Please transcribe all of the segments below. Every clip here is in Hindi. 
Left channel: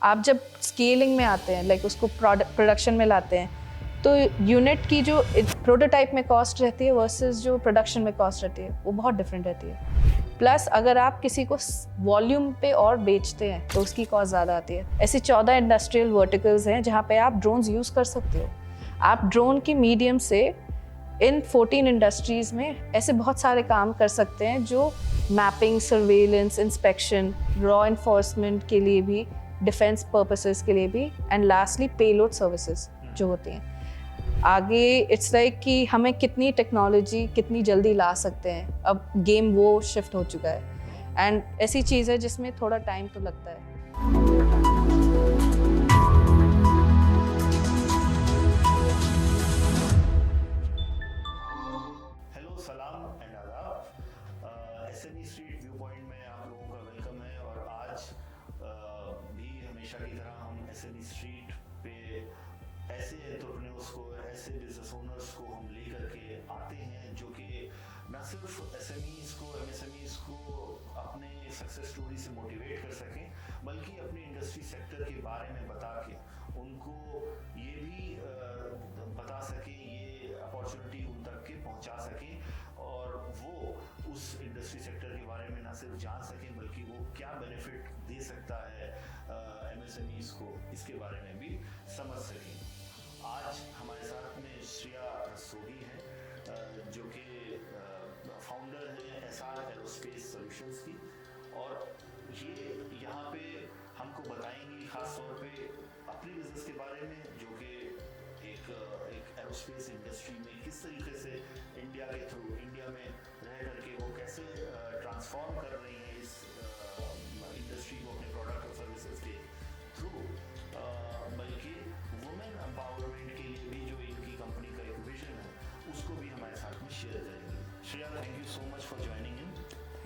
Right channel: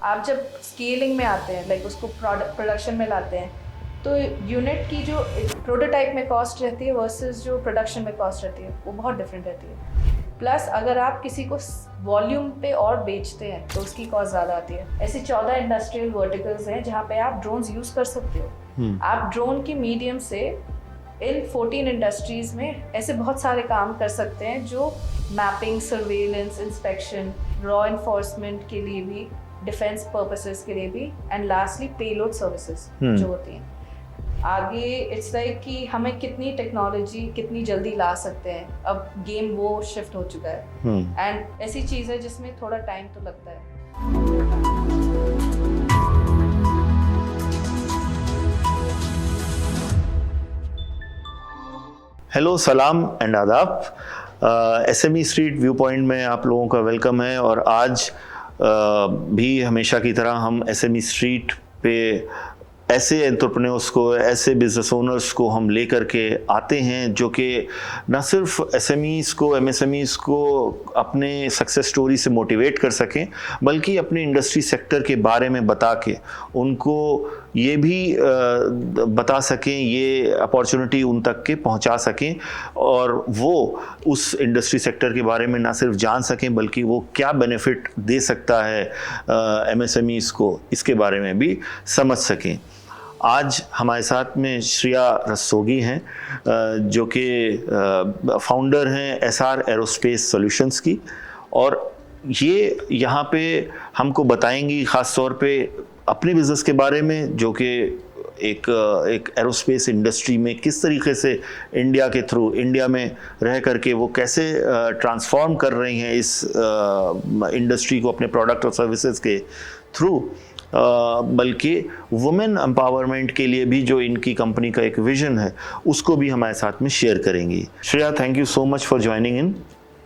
आप जब स्केलिंग में आते हैं, लाइक उसको प्रोडक्शन में लाते हैं, तो यूनिट की जो प्रोटोटाइप में कॉस्ट रहती है वर्सेस जो प्रोडक्शन में कॉस्ट रहती है वो बहुत डिफरेंट रहती है। प्लस अगर आप किसी को वॉल्यूम पे और बेचते हैं तो उसकी कॉस्ट ज़्यादा आती है। ऐसे 14 इंडस्ट्रियल वर्टिकल्स हैं जहाँ पे आप ड्रोन्स यूज़ कर सकते हो। आप ड्रोन के मीडियम से इन 14 इंडस्ट्रीज़ में ऐसे बहुत सारे काम कर सकते हैं जो mapping, surveillance, inspection, law enforcement के लिए भी, डिफेंस पर्पसेस के लिए भी, एंड लास्टली पेलोड सर्विसेज जो होती हैं। आगे इट्स लाइक कि हमें कितनी टेक्नोलॉजी कितनी जल्दी ला सकते हैं, अब गेम वो शिफ्ट हो चुका है। एंड ऐसी चीज़ है जिसमें थोड़ा टाइम तो लगता है। हेलो, सलाम एंड आदाब। एसएमई स्ट्रीट व्यू पॉइंट में आप लोगों का वेलकम है। और आज भी हमेशा की तरह हम एसएमई स्ट्रीट पे ऐसे एंटरप्रेन्योर्स को, ऐसे बिजनेस ओनर्स को हम लेकर के आते हैं जो कि न सिर्फ एसएमईज़ को, एमएसएमईज़ को अपने सक्सेस स्टोरी से मोटिवेट कर सकें, बल्कि अपने इंडस्ट्री सेक्टर के बारे में बता के उनको ये भी बता सकें, ये अपॉर्चुनिटी उन तक के पहुंचा सकें और वो उस इंडस्ट्री सेक्टर के बारे में ना सिर्फ जान सकें बल्कि वो क्या बेनिफिट दे सकता है एमएसएमईज़ को, इसके बारे में भी समझ सकें। आज हमारे साथ में श्रेया रस्तोगी हैं जो कि फाउंडर हैं एसआर एरोस्पेस सॉल्यूशंस की, और ये यहाँ पे हमको बताएंगी ख़ास तौर पे अपने बिज़नेस के बारे में, जो कि एक एरोस्पेस इंडस्ट्री में किस तरीके से इंडिया के थ्रू, इंडिया में रह करके वो कैसे ट्रांसफॉर्म कर रही हैं इस इंडस्ट्री को अपने प्रोडक्ट और सर्विसेज के थ्रू, बल्कि वुमेन एम्पावरमेंट के लिए भी जो इनकी कंपनी का एक विजन है उसको भी हमारे साथ में शेयर करेंगी। Shreya, thank you so much for joining in.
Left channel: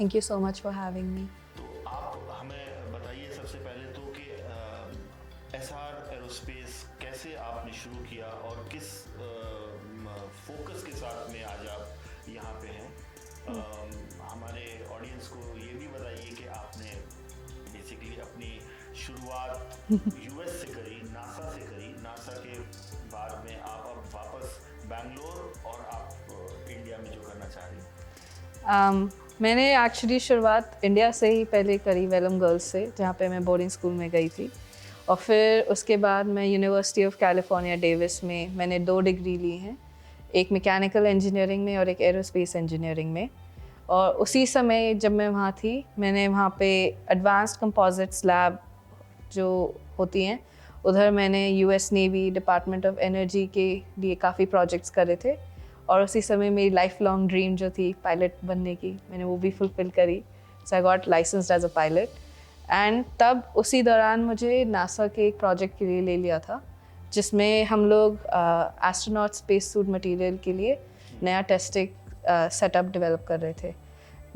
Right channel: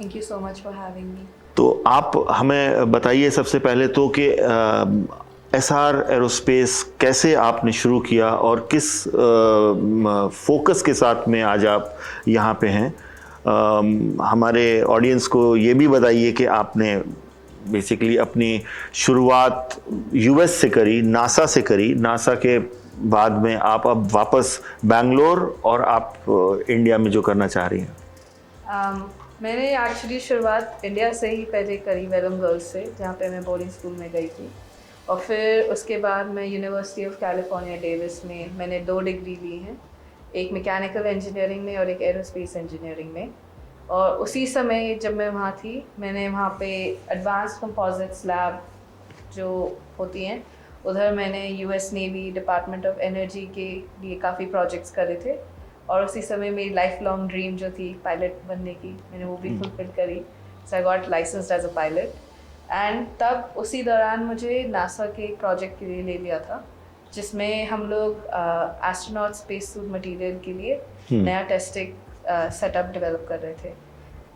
Thank you so much for having me. तो आप हमें बताइए सबसे पहले तो कि एसआर एरोस्पेस कैसे आपने शुरू किया और किस फोकस के साथ में आज आप यहाँ पे हैं। हमारे ऑडियंस को ये भी बताइए कि आपने बेसिकली अपनी शुरुआत यूएस से करी, नासा से करी, नासा के बाद में आप अब वापस बैंगलोर और आप इंडिया में जो करना चाह रही हैं। मैंने एक्चुअली शुरुआत इंडिया से ही पहले करी, वेलम गर्ल्स से, जहाँ पे मैं बोर्डिंग स्कूल में गई थी। और फिर उसके बाद मैं यूनिवर्सिटी ऑफ कैलिफोर्निया डेविस में मैंने 2 डिग्री ली हैं, एक मैकेनिकल इंजीनियरिंग में और एक एरोस्पेस इंजीनियरिंग में। और उसी समय जब मैं वहाँ थी, मैंने वहाँ पे एडवांस्ड कंपोजिट्स लैब जो होती हैं, उधर मैंने US navy, department of energy के लिए काफ़ी प्रोजेक्ट्स करे थे। और उसी समय मेरी लाइफ लॉन्ग ड्रीम जो थी पायलट बनने की, मैंने वो भी फुलफिल करी। So I got licensed as a pilot. And तब उसी दौरान मुझे नासा के एक प्रोजेक्ट के लिए ले लिया था, जिसमें हम लोग एस्ट्रोनॉट स्पेस सूट मटेरियल के लिए नया टेस्टिंग सेटअप डेवलप कर रहे थे।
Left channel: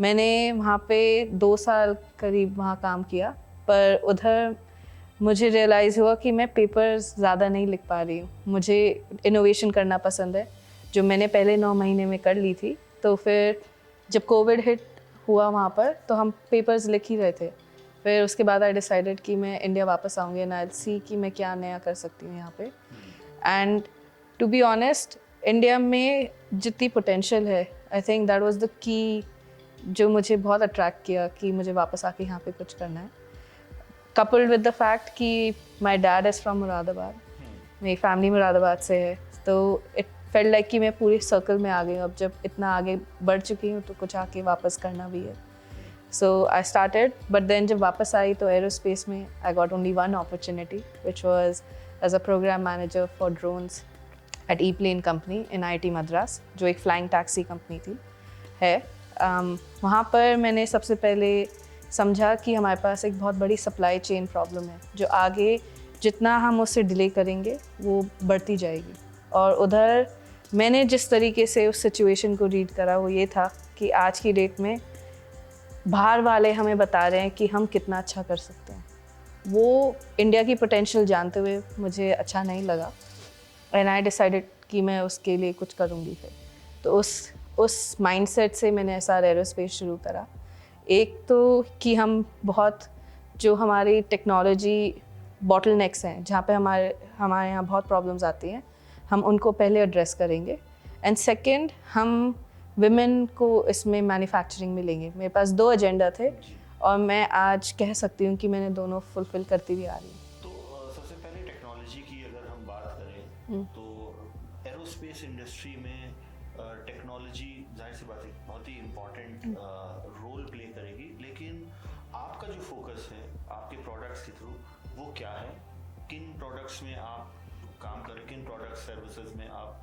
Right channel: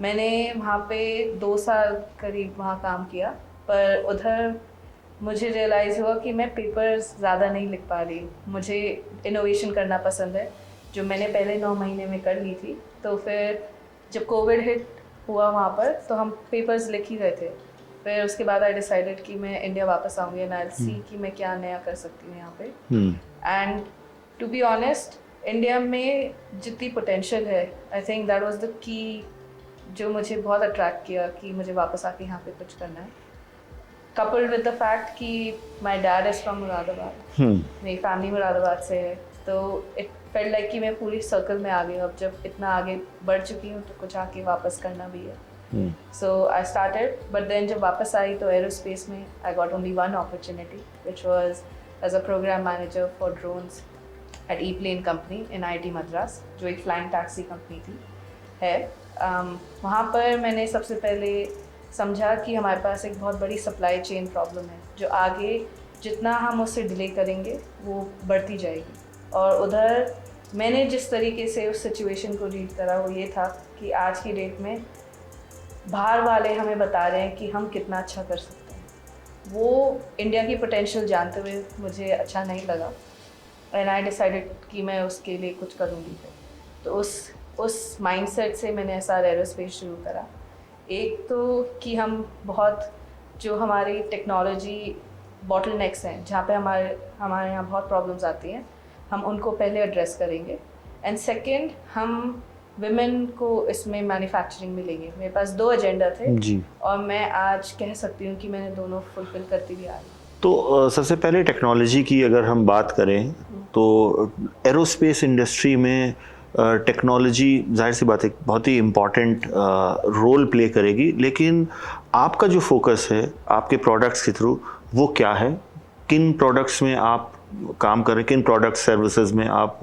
मैंने वहाँ पे 2 साल करीब वहाँ काम किया, पर उधर मुझे रियलाइज़ हुआ कि मैं पेपर्स ज़्यादा नहीं लिख पा रही हूँ। मुझे इनोवेशन करना पसंद है, जो मैंने पहले 9 महीने में कर ली थी। तो फिर जब कोविड हिट हुआ वहाँ पर, तो हम पेपर्स लिख ही रहे थे। फिर उसके बाद आई डिसाइडेड कि मैं इंडिया वापस आऊँगी एंड आई सी कि मैं क्या नया कर सकती हूँ यहाँ पे। And to be honest, India में जितनी पोटेंशियल है, I think that was the key जो मुझे बहुत अट्रैक्ट किया कि मुझे वापस आके यहाँ पे कुछ करना है। कपल्ड विद द फैक्ट कि my dad is from Moradabad, मेरी फैमिली मुरादाबाद से है, तो इट फेल्ट लाइक कि मैं पूरी सर्कल में आ गई हूँ। अब जब इतना आगे बढ़ चुकी हूँ तो कुछ आके वापस करना भी है। So I started, but then जब वापस आई तो एरोस्पेस में I got only one opportunity, which was as a program manager for drones at E-Plane company in IIT Madras, जो एक फ्लाइंग टैक्सी कंपनी थी है। वहाँ पर मैंने सबसे पहले समझा कि हमारे पास एक बहुत बड़ी सप्लाई चेन प्रॉब्लम है, जो आगे जितना हम उससे डिले करेंगे वो बढ़ती जाएगी। और उधर मैंने जिस तरीके से उस सिचुएशन को रीड करा वो ये था कि आज की डेट में बाहर वाले हमें बता रहे हैं कि हम कितना अच्छा कर सकते हैं, वो इंडिया की पोटेंशियल जानते हुए मुझे अच्छा नहीं लगा। एंड आई डिसाइडेड कि मैं उसके लिए कुछ करूँगी। फिर तो उस माइंडसेट से मैंने एसआर एरोस्पेस शुरू करा। एक तो कि हम बहुत जो हमारी टेक्नोलॉजी बॉटलनेक्स हैं जहाँ पे हमारे यहाँ बहुत प्रॉब्लम्स आती हैं, हम उनको पहले एड्रेस करेंगे। एंड सेकंड, हम विमेन को इसमें मैन्युफैक्चरिंग में लेंगे। मेरे पास 2 एजेंडा थे जी। और मैं आज कह सकती हूँ कि मैंने दोनों फुलफिल करती हुई आ रही हूँ। तो सबसे पहले टेक्नोलॉजी की अगर हम बात करें तो एरोस्पेस इंडस्ट्री में टेक्नोलॉजी जाहिर सी बात है बहुत ही इम्पॉर्टेंट रोल प्ले करेगी, लेकिन आपका जो फोकस है आपके प्रोडक्ट्स के थ्रू वो क्या है? किन प्रोडक्ट्स में आप काम कर रहे हैं, किन प्रोडक्ट सर्विसेज में आप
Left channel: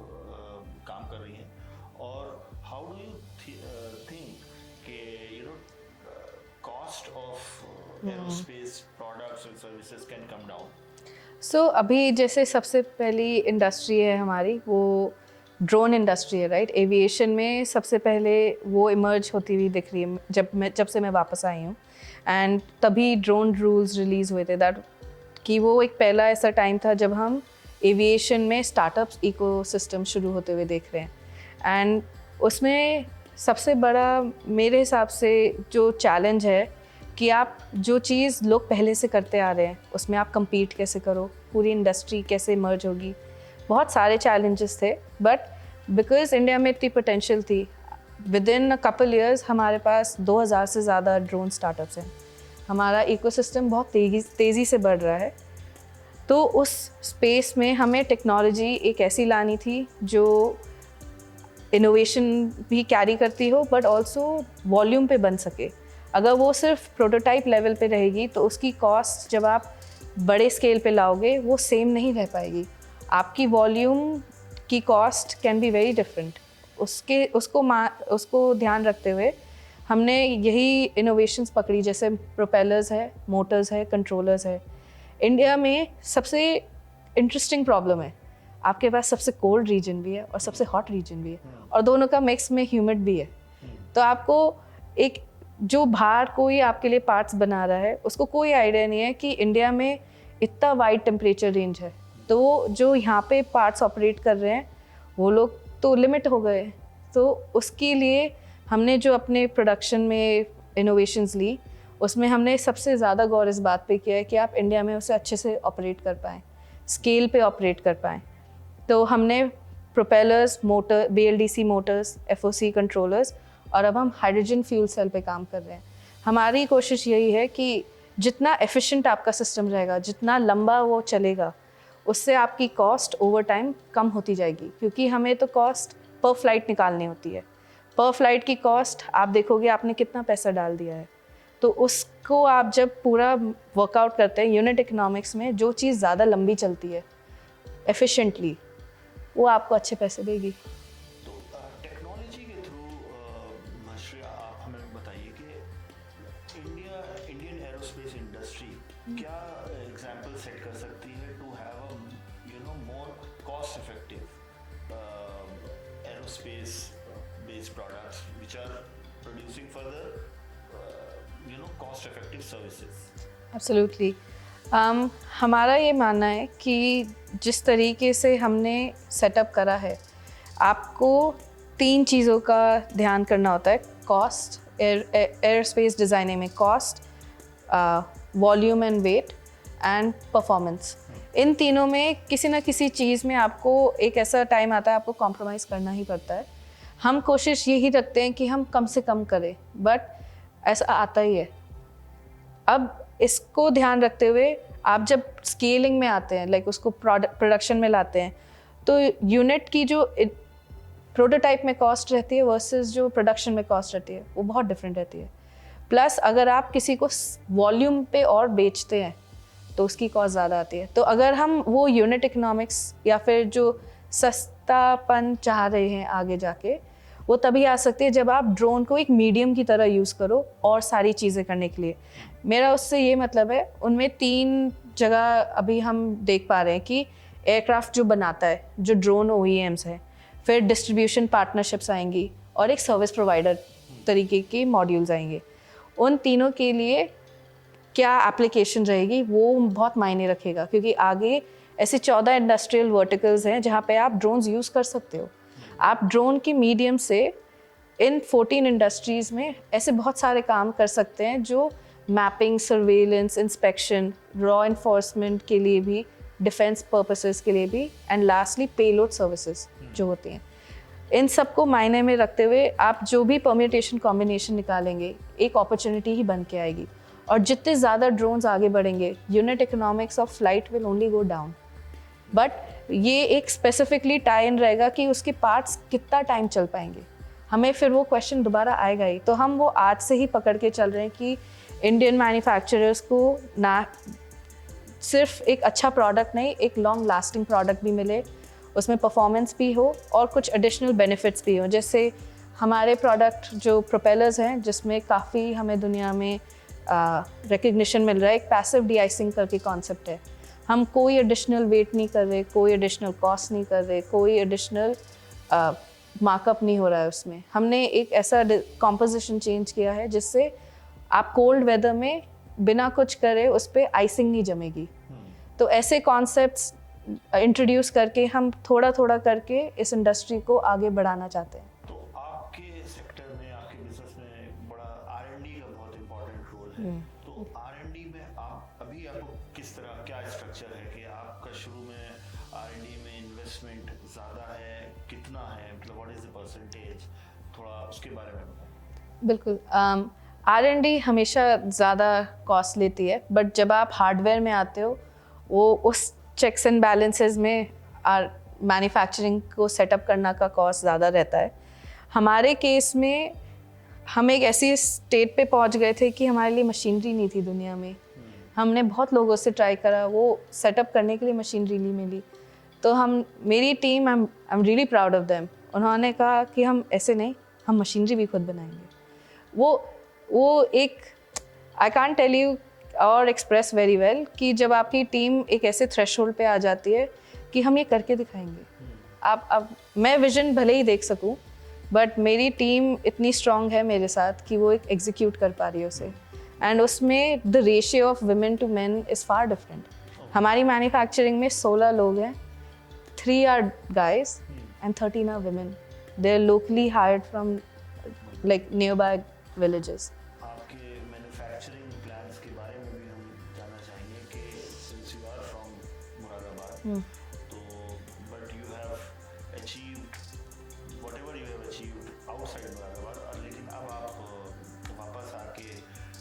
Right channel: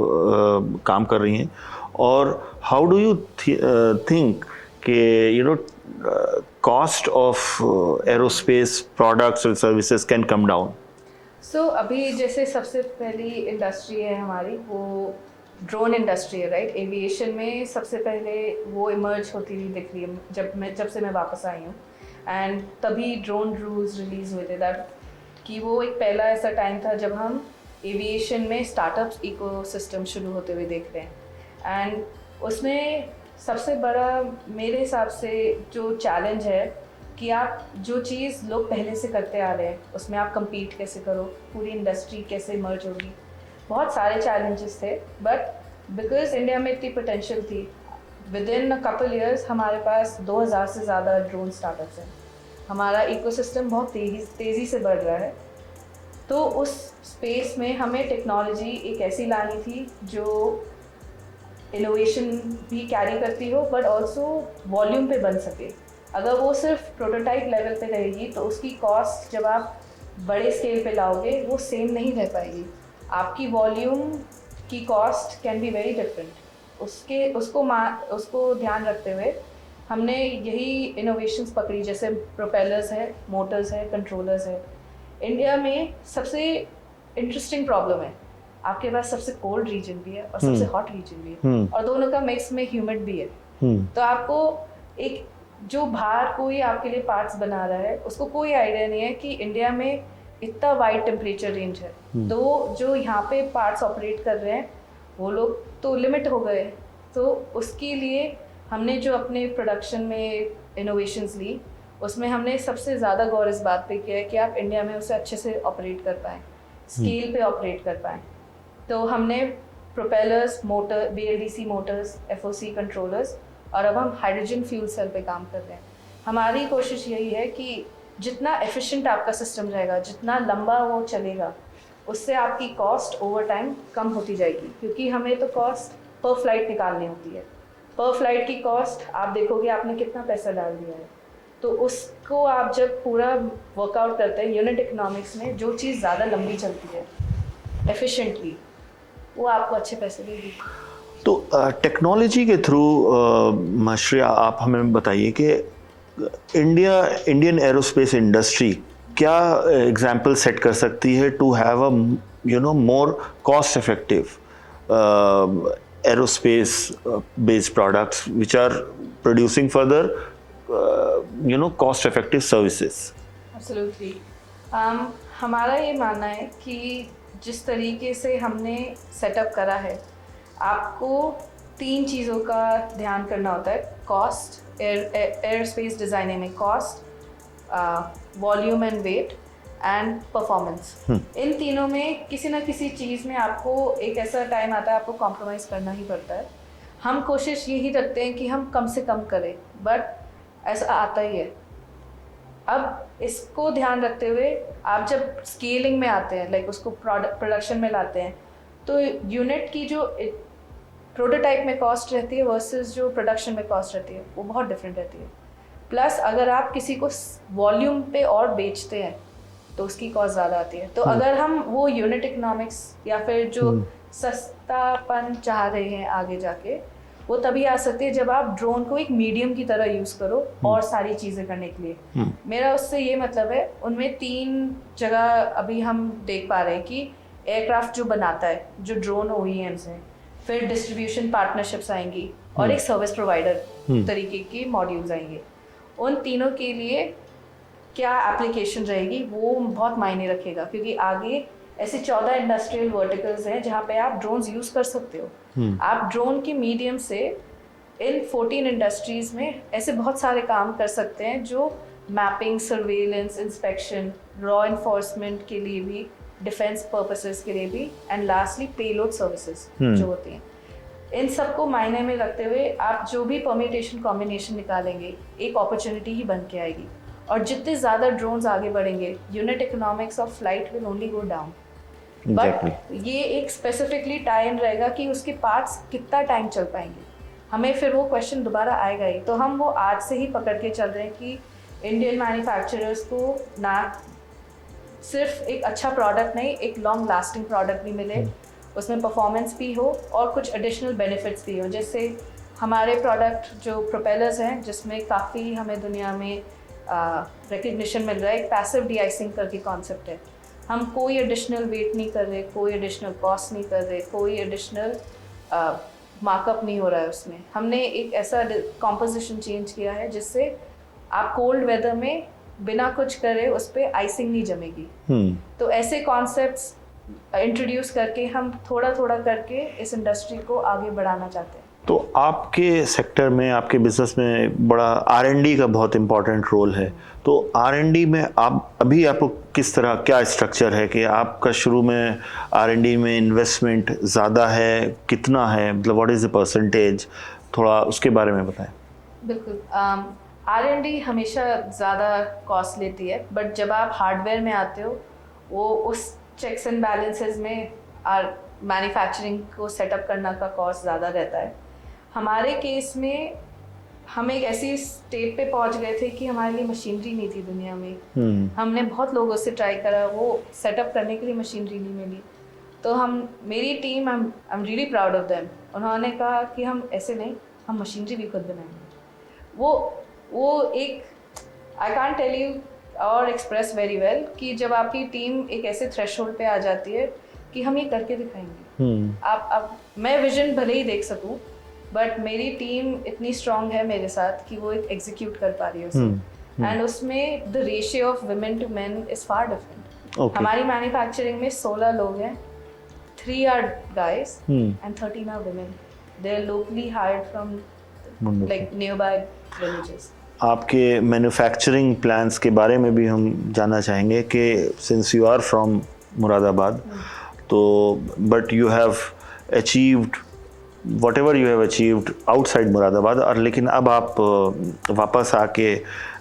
काम कर रही हैं, और हाउ डू यू थिंक कि you know cost of aerospace products and services can come down? सो अभी जैसे सबसे पहली इंडस्ट्री है हमारी वो ड्रोन इंडस्ट्री है, राइट? एविएशन में सबसे पहले वो इमर्ज होती हुई दिख रही है जब से मैं वापस आई हूँ। एंड तभी ड्रोन रूल्स रिलीज़ हुए थे, दैट कि वो एक पहला ऐसा टाइम था जब हम एविएशन में स्टार्टअप्स इकोसिस्टम शुरू होते हुए देख रहे हैं। एंड उसमें सबसे बड़ा मेरे हिसाब से जो चैलेंज है कि आप जो चीज़ लोग पहले से करते आ रहे हैं उसमें आप compete कैसे करो, पूरी इंडस्ट्री कैसे इमर्ज होगी। बहुत सारे चैलेंजेस थे, बट बिकॉज इंडिया में इतनी पोटेंशियल थी, with in a couple years हमारे पास 2000 से ज़्यादा ड्रोन स्टार्टअप्स हैं। हमारा इकोसिस्टम बहुत तेज़ी से बढ़ रहा है। तो उस स्पेस में हमें टेक्नोलॉजी एक ऐसी लानी थी जो इनोवेशन भी कैरी करती हो बट ऑल्सो वॉल्यूम पे बन सके। अगर वो सिर्फ प्रोटोटाइप लेवल पे रहेगी तो उसकी कॉस्ट जब आप बड़े स्केल पे लाओगे वो सेम नहीं रह पाएगी। आपकी वॉल्यूम की cost can be very different. उसको ध्यान रखते हुए हमने यही इनोवेशंस पकड़ी, जैसे प्रोपेलर्स है, मोटर्स है, कंट्रोलर्स है। इंडिया में सबसे इंटरेस्टिंग प्रॉब्लम है, आपके पास सबसे कोल्ड रीजन भी है और सबसे हॉट रीजन भी है, और दोनों का मिक्स में ह्यूमिड भी है। तो आपको एक जो बाहर कोई आपके लिए पार्ट्स बना रहा है उसको कोई आइडिया नहीं है कि इंडिया में इतना वाइड टेम्परेचर रेंज है। तो जो यहाँ पे पार्ट्स ऑपरेट कर रहे हैं वो लोग तो लिमिट हो गए। तो उसके लिए हमने जो अपने प्रोडक्शन में इनोवेशंस ली उसमें हमने सबसे ज़्यादा गौर इस बात पे किया है कि आप इंडिया में उसे अच्छे से ऑपरेट कर पाएँ, स्केल पे ऑपरेट कर पाएँ। तो हमने propellers, motor, BLDC Motors, FOC controllers, और अब हम हाइड्रोजन फ्यूल सेल पे काम कर रहे हैं। हमारी कोशिश यही है कि जितना एफिशिएंट आपका सिस्टम रहेगा, जितना लंबा वो चलेगा, उससे आपकी कॉस्ट ओवर टाइम कम होती जाएगी, क्योंकि हमें तो कॉस्ट पर फ्लाइट निकालनी होती है। पर फ्लाइट की कॉस्ट आप देखोगे आपने कितना पैसा डाल दिया है, तो उसको आप जब पूरा वर्कआउट करते हैं यूनिट इकोनॉमिक्स में, जो चीज़ ज़्यादा लंबी चलती है एफिशिएंटली वो आपको अच्छे पैसे देगी। तो टेक्नोलॉजी के थ्रू माश्रिया आप हमें बताइए कि इंडियन एरोस्पेस इंडस्ट्री क्या एग्जाम्पल सेट कर सकती है to have a more cost effective aerospace based products which are producing further cost effective services? Absolutely. हमारा ये मानना है कि जिस तरीके से हमने सेटअप करा है, आपको 3 चीज़ों का ध्यान करना होता है। कॉस्ट, एयर स्पेस डिज़ाइनिंग में cost, volume and weight and performance. इन तीनों में किसी ना किसी चीज़ में आपको एक ऐसा टाइम आता है आपको कॉम्प्रोमाइज़ करना ही पड़ता है। हम कोशिश यही रखते हैं कि हम कम से कम करें, बट ऐसा आता ही है। अब इसको ध्यान रखते हुए आप जब स्केलिंग में आते हैं, लाइक उसको प्रोडक्शन में लाते हैं, तो यूनिट की जो प्रोटोटाइप में कॉस्ट रहती है वर्सेस जो प्रोडक्शन में कॉस्ट रहती है वो बहुत डिफरेंट रहती है। प्लस अगर आप किसी को वॉल्यूम पे और बेचते हैं तो उसकी कॉस्ट ज़्यादा आती है। तो अगर हम वो यूनिट इकोनॉमिक्स या फिर जो सस्तापन चाह रहे हैं आगे जाके, वो तभी आ सकती है जब आप ड्रोन को एक मीडियम की तरह यूज़ करो और सारी चीज़ें करने के लिए। मेरा उससे ये मतलब है, उनमें 3 जगह अभी हम देख पा रहे हैं कि एयरक्राफ्ट जो बनाता है, जो ड्रोन OEMs है, फिर डिस्ट्रीब्यूशन पार्टनरशिप्स आएंगी और एक सर्विस प्रोवाइडर तरीके के मॉड्यूल्स आएंगे। उन तीनों के लिए क्या एप्लीकेशन रहेगी वो बहुत मायने रखेगा, क्योंकि आगे ऐसे 14 इंडस्ट्रियल वर्टिकल्स हैं जहाँ पे आप ड्रोन्स यूज़ कर सकते हो। आप ड्रोन के मीडियम से इन 14 इंडस्ट्रीज में ऐसे बहुत सारे काम कर सकते हैं जो mapping, surveillance, inspection, raw enforcement के लिए भी, डिफेंस पर्पसेस के लिए भी, एंड लास्टली पेलोड सर्विसेज जो होती हैं। इन सबको मायने में रखते हुए आप जो भी परम्यूटेशन कॉम्बिनेशन निकालेंगे एक अपॉर्चुनिटी ही बन के आएगी। और जितने ज़्यादा ड्रोन्स आगे बढ़ेंगे, unit economics of flight will only go down. But ये एक स्पेसिफिकली टाई इन रहेगा कि उसके पार्ट्स कितना टाइम चल पाएंगे, हमें फिर वो क्वेश्चन दोबारा आएगा ही। तो हम वो आज से ही पकड़ के चल रहे हैं कि इंडियन मैन्युफैक्चरर्स को ना सिर्फ एक अच्छा प्रोडक्ट नहीं, एक लॉन्ग लास्टिंग प्रोडक्ट भी मिले, उसमें परफॉर्मेंस भी हो और कुछ एडिशनल बेनिफिट्स भी हो। जैसे हमारे प्रोडक्ट जो प्रोपेलर्स हैं, जिसमें काफ़ी हमें दुनिया में रिकग्निशन मिल रहा है, एक पैसिव डी-आइसिंग करके कॉन्सेप्ट है। हम कोई एडिशनल वेट नहीं कर रहे, कोई एडिशनल कॉस्ट नहीं कर रहे, कोई एडिशनल मार्कअप नहीं हो रहा है उसमें। हमने एक ऐसा कॉम्पोजिशन चेंज किया है जिससे आप कोल्ड वेदर में बिना कुछ करे उस पर आइसिंग नहीं जमेगी। तो ऐसे कॉन्सेप्ट्स इंट्रोड्यूस करके हम थोड़ा थोड़ा करके इस इंडस्ट्री को आगे बढ़ाना चाहते हैं। तो आपके सेक्टर में, आपके बिजनेस में बड़ा R&D का बहुत इम्पोर्टेंट रोल है। तो R&D में आप अभी आपको किस तरह, क्या स्ट्रक्चर है कि आपका शुरू में R&D में इन्वेस्टमेंट ज़्यादा है, कितना है, मतलब व्हाट इज़ द परसेंटेज, थोड़ा उसके बारे में बताएं। बिल्कुल, R&D हमेशा ज़्यादा कॉस्ट लेती है, बट जब आप हार्डवेयर में आते हो वो उस चेक्स एंड बैलेंसेस में मैन्युफैक्चरिंग को सेटअप करना का कॉस्ट ज़्यादा रहता है। हमारे केस में हम एक ऐसी स्टेट पे पहुंच गए थे कि हमारे लिए मशीनरी नहीं थी दुनिया में। हमने बहुत लोगों से ट्राई करा, वो सेटअप करने के लिए मशीनरी नहीं मिली। तो मेरी team, I am really proud of them, उन्होंने कहा कि हम ऐसे नहीं, हम मशीनरी भी खुद बनाएंगे। वो एक, आई कांट टेल यू और एक्सप्रेस वेरी वेल कि जब आपकी टीम एक ऐसे थ्रेशोल्ड पे आ जाती है कि हम ये करके दिखाएंगे। आप मैं विजन भले ही देख सकूं, बट मेरी टीम इतनी स्ट्रांग है मेरे साथ कि वो एक एग्जीक्यूट कर पा रही है उसे। एंड उसमें the ratio of women to men is far different. हमारी मैन्युफैक्चरिंग में 16 लोग हैं, 3 are guys and 13 are women. They are locally hired from like nearby villages. आपके मैन्युफैक्चरिंग प्लान्स के बारे में भी हम जानना चाहेंगे कि since you are from Moradabad, तो but you have achieved whatever you have achieved outside Moradabad, और लेकिन अब आप वापस आके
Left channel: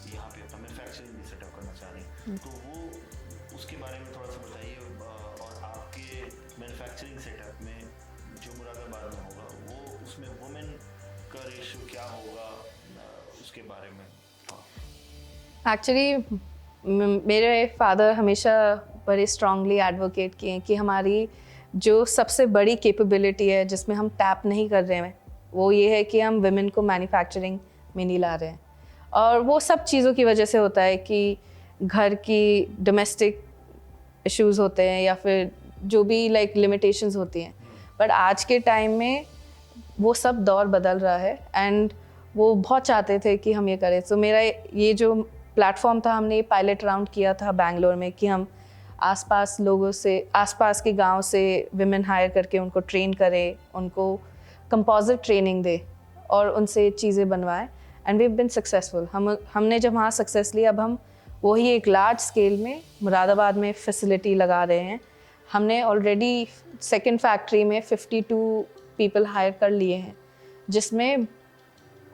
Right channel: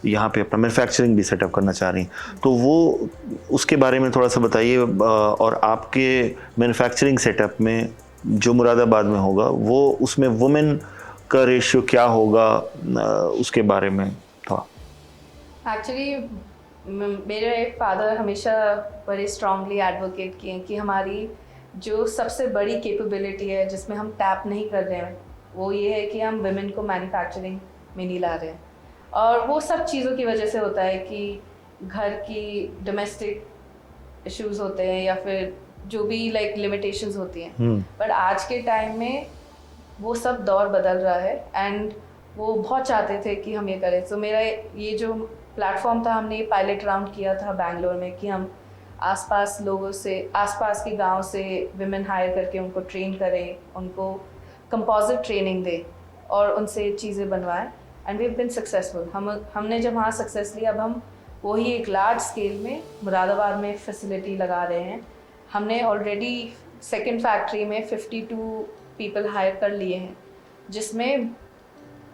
यहाँ पे अपना मैन्युफैक्चरिंग भी सेटअप करना चाह रही हैं, तो वो उसके बारे में थोड़ा सा बताइए। और आपके मैन्युफैक्चरिंग सेटअप में जो मुरादाबाद में होगा, वो उसमें वुमेन का रेशियो क्या होगा, उसके बारे में थोड़ा। एक्चुअली मेरे फादर हमेशा बड़े स्ट्रांगली एडवोकेट किए कि हमारी जो सबसे बड़ी कैपेबिलिटी है जिसमें हम टैप नहीं कर रहे हैं, वो ये है कि हम वुमेन को मैन्युफैक्चरिंग में नहीं ला रहे हैं। और वो सब चीज़ों की वजह से होता है कि घर की डोमेस्टिक इश्यूज होते हैं या फिर जो भी लाइक लिमिटेशंस होती हैं। बट आज के टाइम में वो सब दौर बदल रहा है एंड वो बहुत चाहते थे कि हम ये करें। तो मेरा ये जो प्लेटफॉर्म था, हमने ये पायलट राउंड किया था बैंगलोर में कि हम आसपास लोगों से, आसपास के गांव से विमेन हायर करके उनको ट्रेन करें, उनको कंपोजिट ट्रेनिंग दे और उनसे चीज़ें बनवाएं। And we have been successful. हमने जब वहाँ सक्सेस लिया, अब हम वही एक लार्ज स्केल में मुरादाबाद में फैसिलिटी लगा रहे हैं। हमने ऑलरेडी सेकंड फैक्ट्री में 52 पीपल हायर कर लिए हैं, जिसमें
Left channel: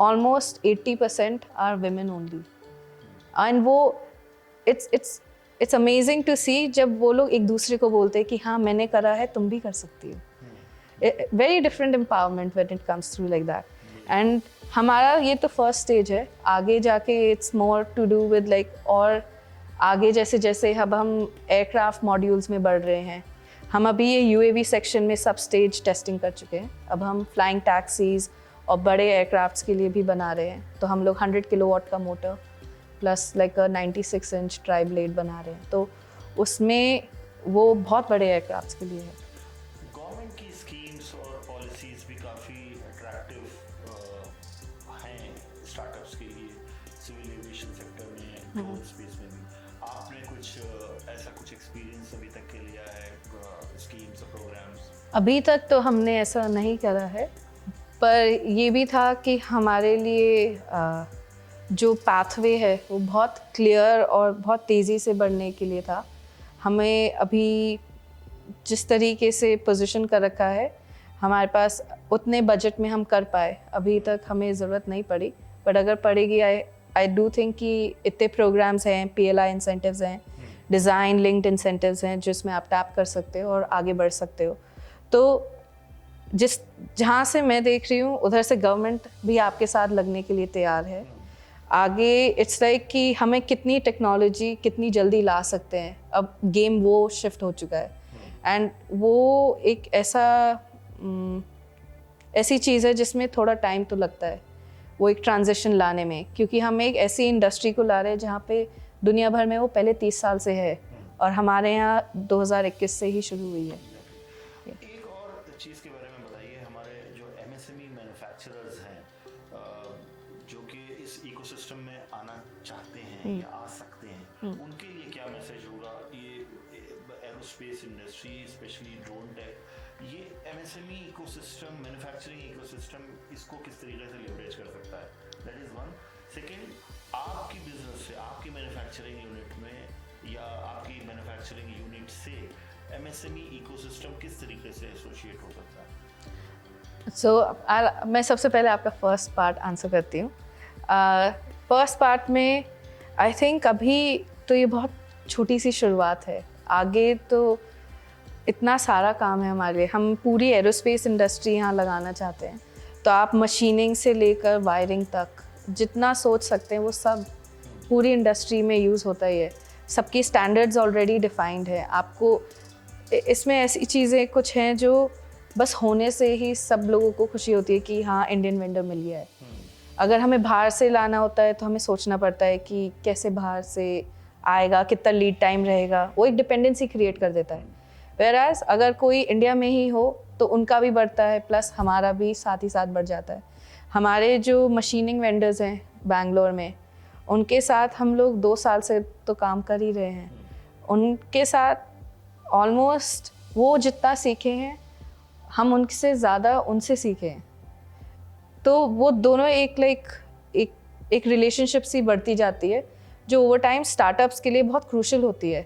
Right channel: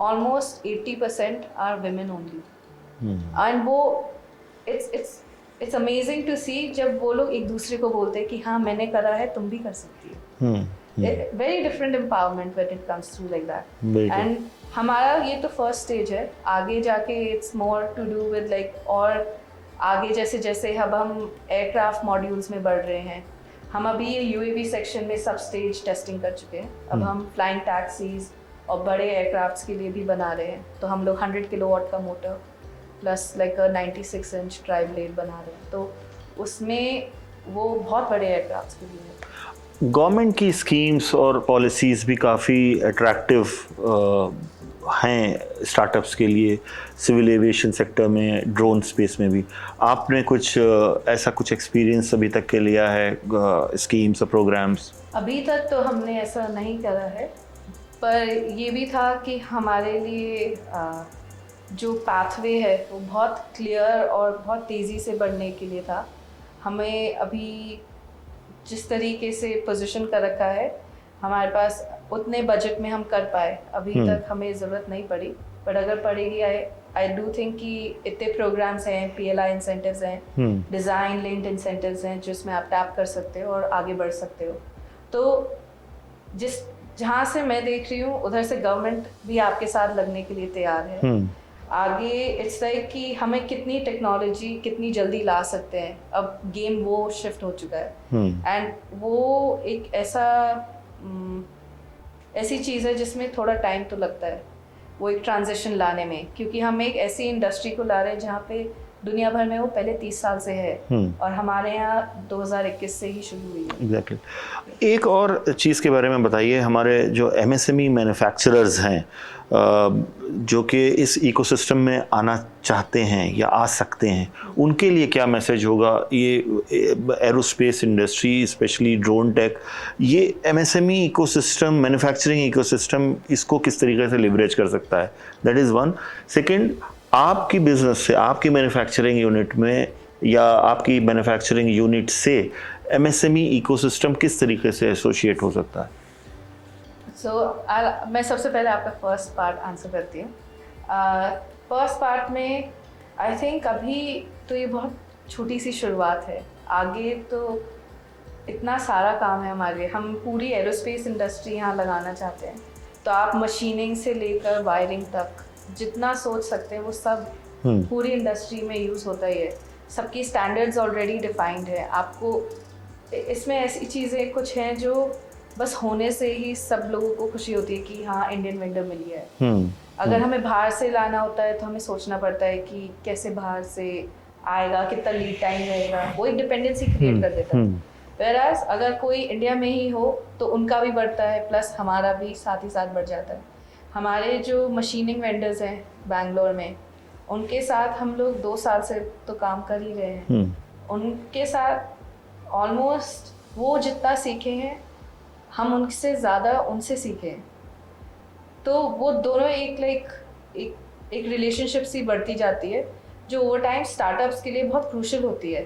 almost 80% are women only. And वो इट्स अमेजिंग टू सी जब वो लोग एक दूसरे को बोलते हैं कि हाँ मैंने करा है, तुम भी कर सकती हो। Very different empowerment when it comes through like that. And हमारा ये तो फर्स्ट स्टेज है, आगे जाके it's more to do with like, और आगे जैसे जैसे अब हम एयरक्राफ्ट मॉड्यूल्स में बढ़ रहे हैं, हम अभी ये UAV सेक्शन में सब स्टेज टेस्टिंग कर चुके हैं। अब हम फ्लाइंग टैक्सीज और बड़े एयरक्राफ्ट्स के लिए भी बना रहे हैं। तो हम लोग 100 किलोवाट का motor plus like 96 inch try blade बना रहे हैं। तो उसमें वो बहुत बड़े एयरक्राफ्ट्स के लिए है। गवर्नमेंट की स्कीम्स और पॉलिसीज़ भी काफ़ी अट्रैक्टिव हैं स्टार्टअप्स के लिए, सिविल एविएशन सेक्टर में, ड्रोन स्पेस में भी। आपने कुछ ऐसा कुछ एक्सपीरियंस अभी तक के लिया है, स्कीम्स और प्रोग्राम्स? अभी तक तो हमने ऐसा नहीं करा है, पर ये भी था कि हमारे लिए जो पाथवे है वो बहुत क्लियर और बहुत तेज़ी से बढ़ने के लिए था। हमें अभी जिस तरीके से पोजीशन कर रखा है, हमारे पास उतने बजट में हम कर पाए, अभी तक हमें ज़रूरत नहीं पड़ी। बट अगर पड़ेगी, आई डू थिंक कि इतने प्रोग्राम्स हैं, PLI इंसेंटिव्स हैं, डिज़ाइन लिंक्ड इंसेंटिव्स हैं, जिसमें आप टैप कर सकते हो और आगे बढ़ सकते हो। तो जहाँ से मैं देख रही हूँ उधर से गवर्नमेंट भी आपके साथ लगने के लिए तैयार है। आगे इट्स लाइक कि हमें कितनी टेक्नोलॉजी कितनी जल्दी ला सकते हैं, अब गेम वो शिफ्ट हो चुका है। एंड वो एक ऐसी चीज़ है जिसमें थोड़ा टाइम तो लगता है, वो एक ट्रांजिशन लाने में, क्योंकि हम एक ऐसी इंडस्ट्री को ला रहे हैं जहाँ पे दुनिया भर में वो पहले 30 साल से है और हमारे यहाँ 2021 से ही शुरू हुई है। एग्जैक्टली। एक और चीज़ के बारे में बताइए, हमारे जो MSME मैन्युफैक्चरर्स हैं जो कि इस इकोसिस्टम में आना चाहते हैं या आ सकते हैं, उनके लिए क्या मैसेज होगा? ये aerospace industry, specially drone tech, ये MSME इकोसिस्टम, मैन्युफैक्चरिंग इकोसिस्टम, इसको किस तरीके से लिवरेज कर सकता है? That is one. सेकेंड, आपकी बिजनेस से, आपकी मैन्युफैक्चरिंग यूनिट में या आपकी मैन्युफैक्चरिंग यूनिट से MSME इकोसिस्टम किस तरीके से एसोसिएट हो सकता है? मैं सबसे पहले आपका फर्स्ट पार्ट आंसर करती हूँ। फर्स्ट पार्ट में आई थिंक अभी तो ये बहुत छोटी सी शुरुआत है, आगे तो इतना सारा काम है हमारे। हम पूरी एरोस्पेस इंडस्ट्री यहाँ लगाना चाहते हैं, तो आप मशीनिंग से लेकर वायरिंग तक जितना सोच सकते हैं वो सब पूरी इंडस्ट्री में यूज़ होता ही है। सबकी स्टैंडर्ड्स ऑलरेडी डिफाइंड है। आपको इसमें ऐसी चीज़ें कुछ हैं जो बस होने से ही सब लोगों को खुशी होती है कि हाँ इंडियन वेंडर मिल गया है। अगर हमें बाहर से लाना होता है तो हमें सोचना पड़ता है कि कैसे बाहर से आएगा, कितना लीड टाइम रहेगा, वो एक डिपेंडेंसी क्रिएट कर देता है। वेयरएज अगर कोई इंडिया में ही हो तो उनका भी बढ़ता है, प्लस हमारा भी साथ ही साथ बढ़ जाता है। हमारे जो मशीनिंग वेंडर्स हैं बैंगलोर में, उनके साथ हम लोग 2 साल से तो काम कर ही रहे हैं। उनके साथ ऑलमोस्ट वो जितना सीखे हैं हम उनसे ज़्यादा उनसे सीखे हैं। तो वो दोनों एक रिलेशनशिप सी बढ़ती जाती है, जो ओवर टाइम स्टार्टअप्स के लिए बहुत क्रूशल होती है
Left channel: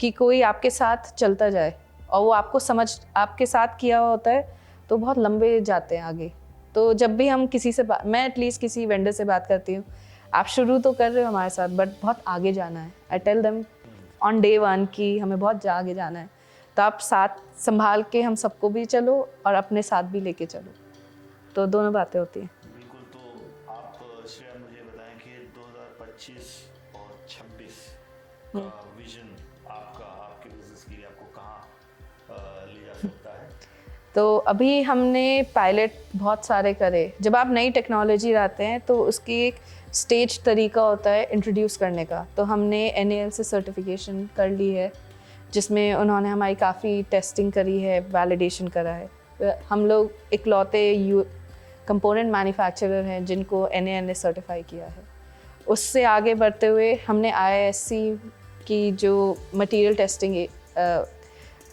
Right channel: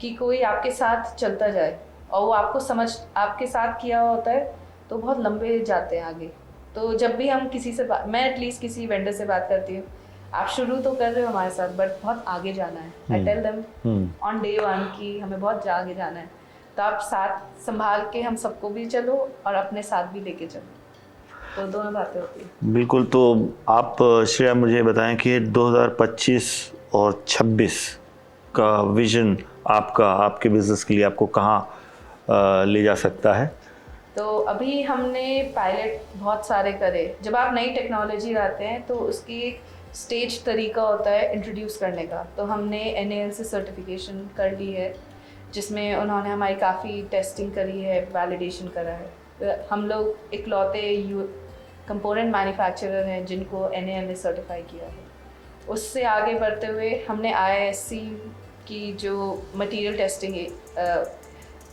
कि कोई आपके साथ चलता जाए और वो आपके साथ किया हुआ होता है तो बहुत लंबे जाते हैं आगे। तो जब भी हम किसी से मैं एटलीस्ट किसी वेंडर से बात करती हूँ, आप शुरू तो कर रहे हो हमारे साथ बट बहुत आगे जाना है। I tell them on day 1 कि हमें बहुत आगे जाना है, तो आप साथ संभाल के हम सबको भी चलो और अपने साथ भी लेके चलो, तो दोनों बातें होती हैं। बिल्कुल। तो आप श्रेया मुझे बताएं कि 2025 और 26 का विजन आपके बिजनेस के लिए आपको कहाँ ले जा सकता है? तो अभी हमने पायलट बहुत सारे करे। जब आप नई टेक्नोलॉजी लाते हैं तो उसकी एक स्टेज तरीका होता है इंट्रोड्यूस करने का। तो हमने NAL से सर्टिफिकेशन कर ली है, जिसमें उन्होंने हमारी काफ़ी टेस्टिंग करी है, वैलिडेशन करा है। हम लोग इकलौते कंपोनेंट मैन्युफैक्चरर हैं जिनको NAL ने सर्टिफाई किया है। उससे आगे बढ़ते हुए हमने IISc की जो मटेरियल टेस्टिंग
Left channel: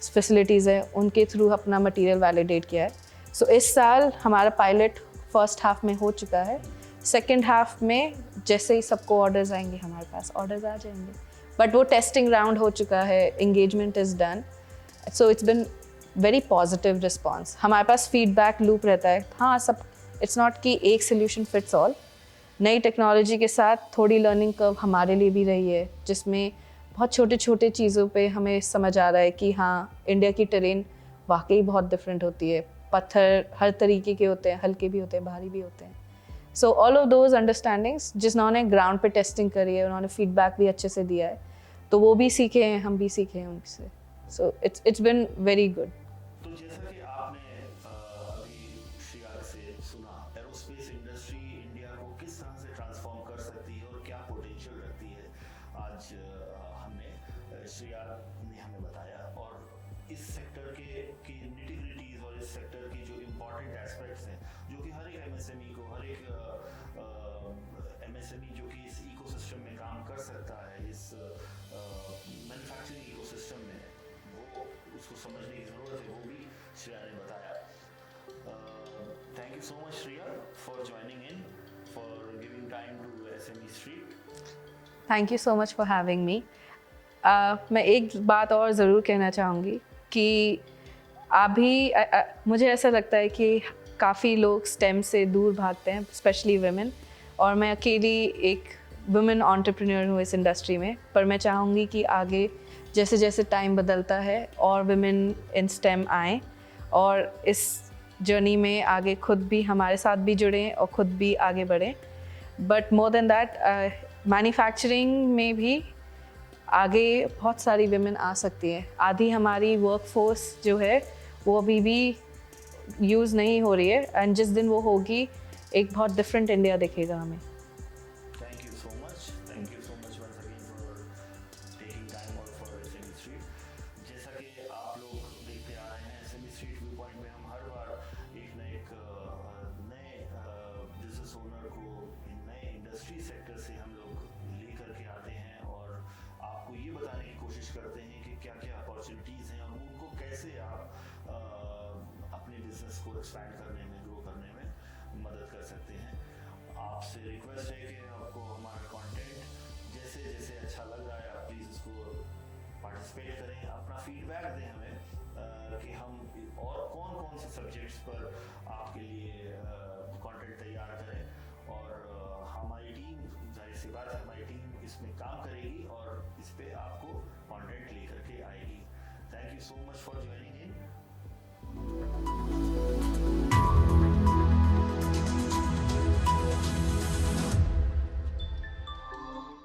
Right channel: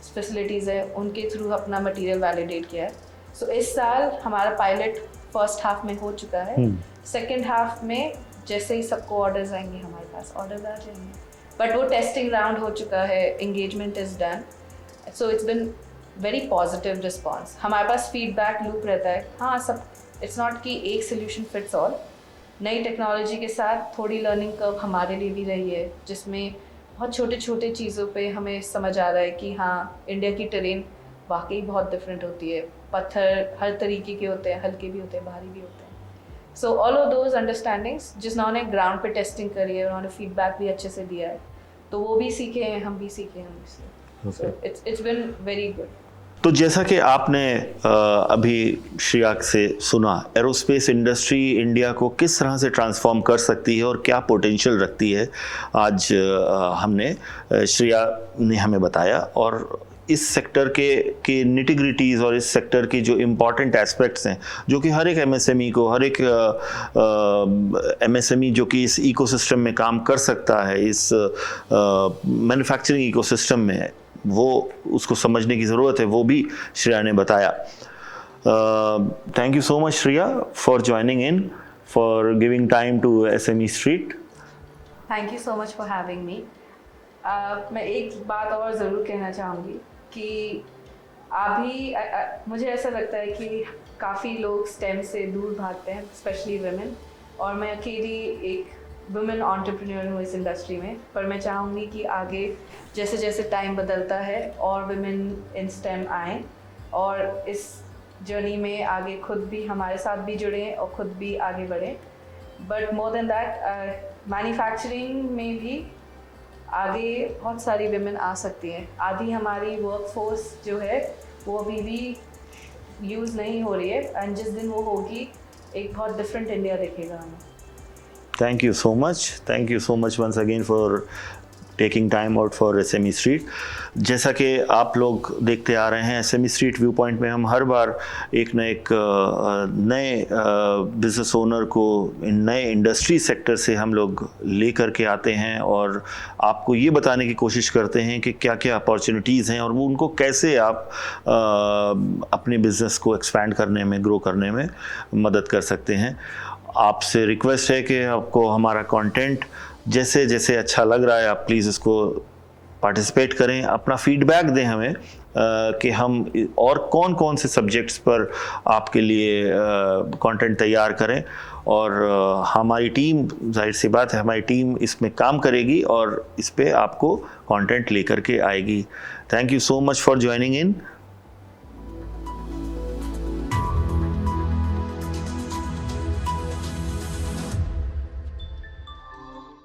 फैसिलिटीज़ है उनके थ्रू अपना मटेरियल वैलिडेट किया है। सो इस साल हमारा पायलट फर्स्ट हाफ में हो चुका है। सेकेंड हाफ में जैसे ही सबको ऑर्डर्स आएंगे, हमारे पास ऑर्डर्स आ जाएंगे, बट वो टेस्टिंग राउंड हो चुका है, engagement is done. So it's been very positive response. हमारे पास फीडबैक लूप रहता है। हाँ, सब इट्स नॉट कि एक सोल्यूशन फिट्स ऑल। नई टेक्नोलॉजी के साथ थोड़ी लर्निंग कर्व हमारे लिए भी रही है, जिसमें बहुत छोटे छोटे चीज़ों पे हमें समझ आ रहा है कि हाँ इंडिया की टेरेन वाकई बहुत डिफरेंट होती है। पत्थर हर तरीके के होते हैं, हल्के भी होते हैं, भारी भी होते हैं। So all of those understandings जिन्होंने ग्राउंड पे टेस्टिंग करी है, उन्होंने फीडबैक भी अच्छे से दिया है, तो वो भी सीखे हैं, हम भी सीखे हैं उनसे। So it's been very good. तो जैसा कि आपने अभी श्रेया से सुना, एरोस्पेस इंडस्ट्री इंडिया को किस तरह से ट्रांसफॉर्म कर सकती है और क्या पोटेंशियल रखती है, आज हमने श्रेया ने हमें बताया। और इस सेक्टर के निटिग्रिटीज़ और इस सेक्टर की जो इम्पॉर्टेंट एस्पेक्ट्स हैं, जो कि हर एक MSME को, हर एक MSME जो कि इस इकोसिस्टम में काम कर सकता है, इस मैन्युफैक्चरिंग इकोसिस्टम में, वो उसको समझने की ज़रूरत है, वो भी श्रेया ने बताया। Thank you so much Shreya for joining in for giving time to SME Street. Thank you so much for having me. मैं एक बात और ज़रूर कहना चाहूँगी कि अभी मुझे ऐसा लगता है कि काफ़ी लोग स्टेम से दूर भागते हैं, स्पेशली वुमेन, और मैं अकेली एक वुमेन एंटरप्रेन्योर हूँ इस इंडस्ट्री में। पर मैं चाहूँगी कि आगे जैसे जैसे टाइम बदलता है और वुमेन इन स्टेम आएँ और इस जर्नी में आगे खुद भी हमारे साथ भी जुड़ें और खुद भी आगे बढ़ें। But more than that, manufacturing में भी आगे बहुत सारी वुमेन आ सकती हैं। आधी हमारी वर्कफोर्स जो है वो अभी भी यूज़ नहीं हो रही है, एंड जिस दिन वो होगी एक बहुत डिफरेंट इंडिया दिखेगा हमें। Thank you so much. Thank you so much once again for taking time out for SME Street. जैसा कि आप लोग देखते आ रहे हैं, SME Street व्यू पॉइंट में हम हर बार एक न एक नए बिजनेस ओनर को इन नए इंडस्ट्री सेक्टर से हम लोग ले कर के आते हैं और आपको ये बताने की कोशिश करते हैं कि क्या क्या अपॉर्चुनिटीज़ हैं और वो उनको कैसे आप अपने बिज़नेस को एक्सपैंड करने में, ग्रो करने में मदद कर सकते हैं। आपसे रिक्वेस्ट है कि आपको हमारा कंटेंट जैसे जैसे अच्छा लग रहा है आप प्लीज़ इसको पार्टिसिपेट करें, अपना फीडबैक दें हमें कि हम और कौन कौन से सब्जेक्ट्स पर आपके लिए कंटेंट तैयार करें। और हमारी टीम, जाहिर सी बात है, हमारी टीम इसमें काम करेगी और इस पे आपको कंटेंट लेकर के आएगी। Thank you so much for joining in.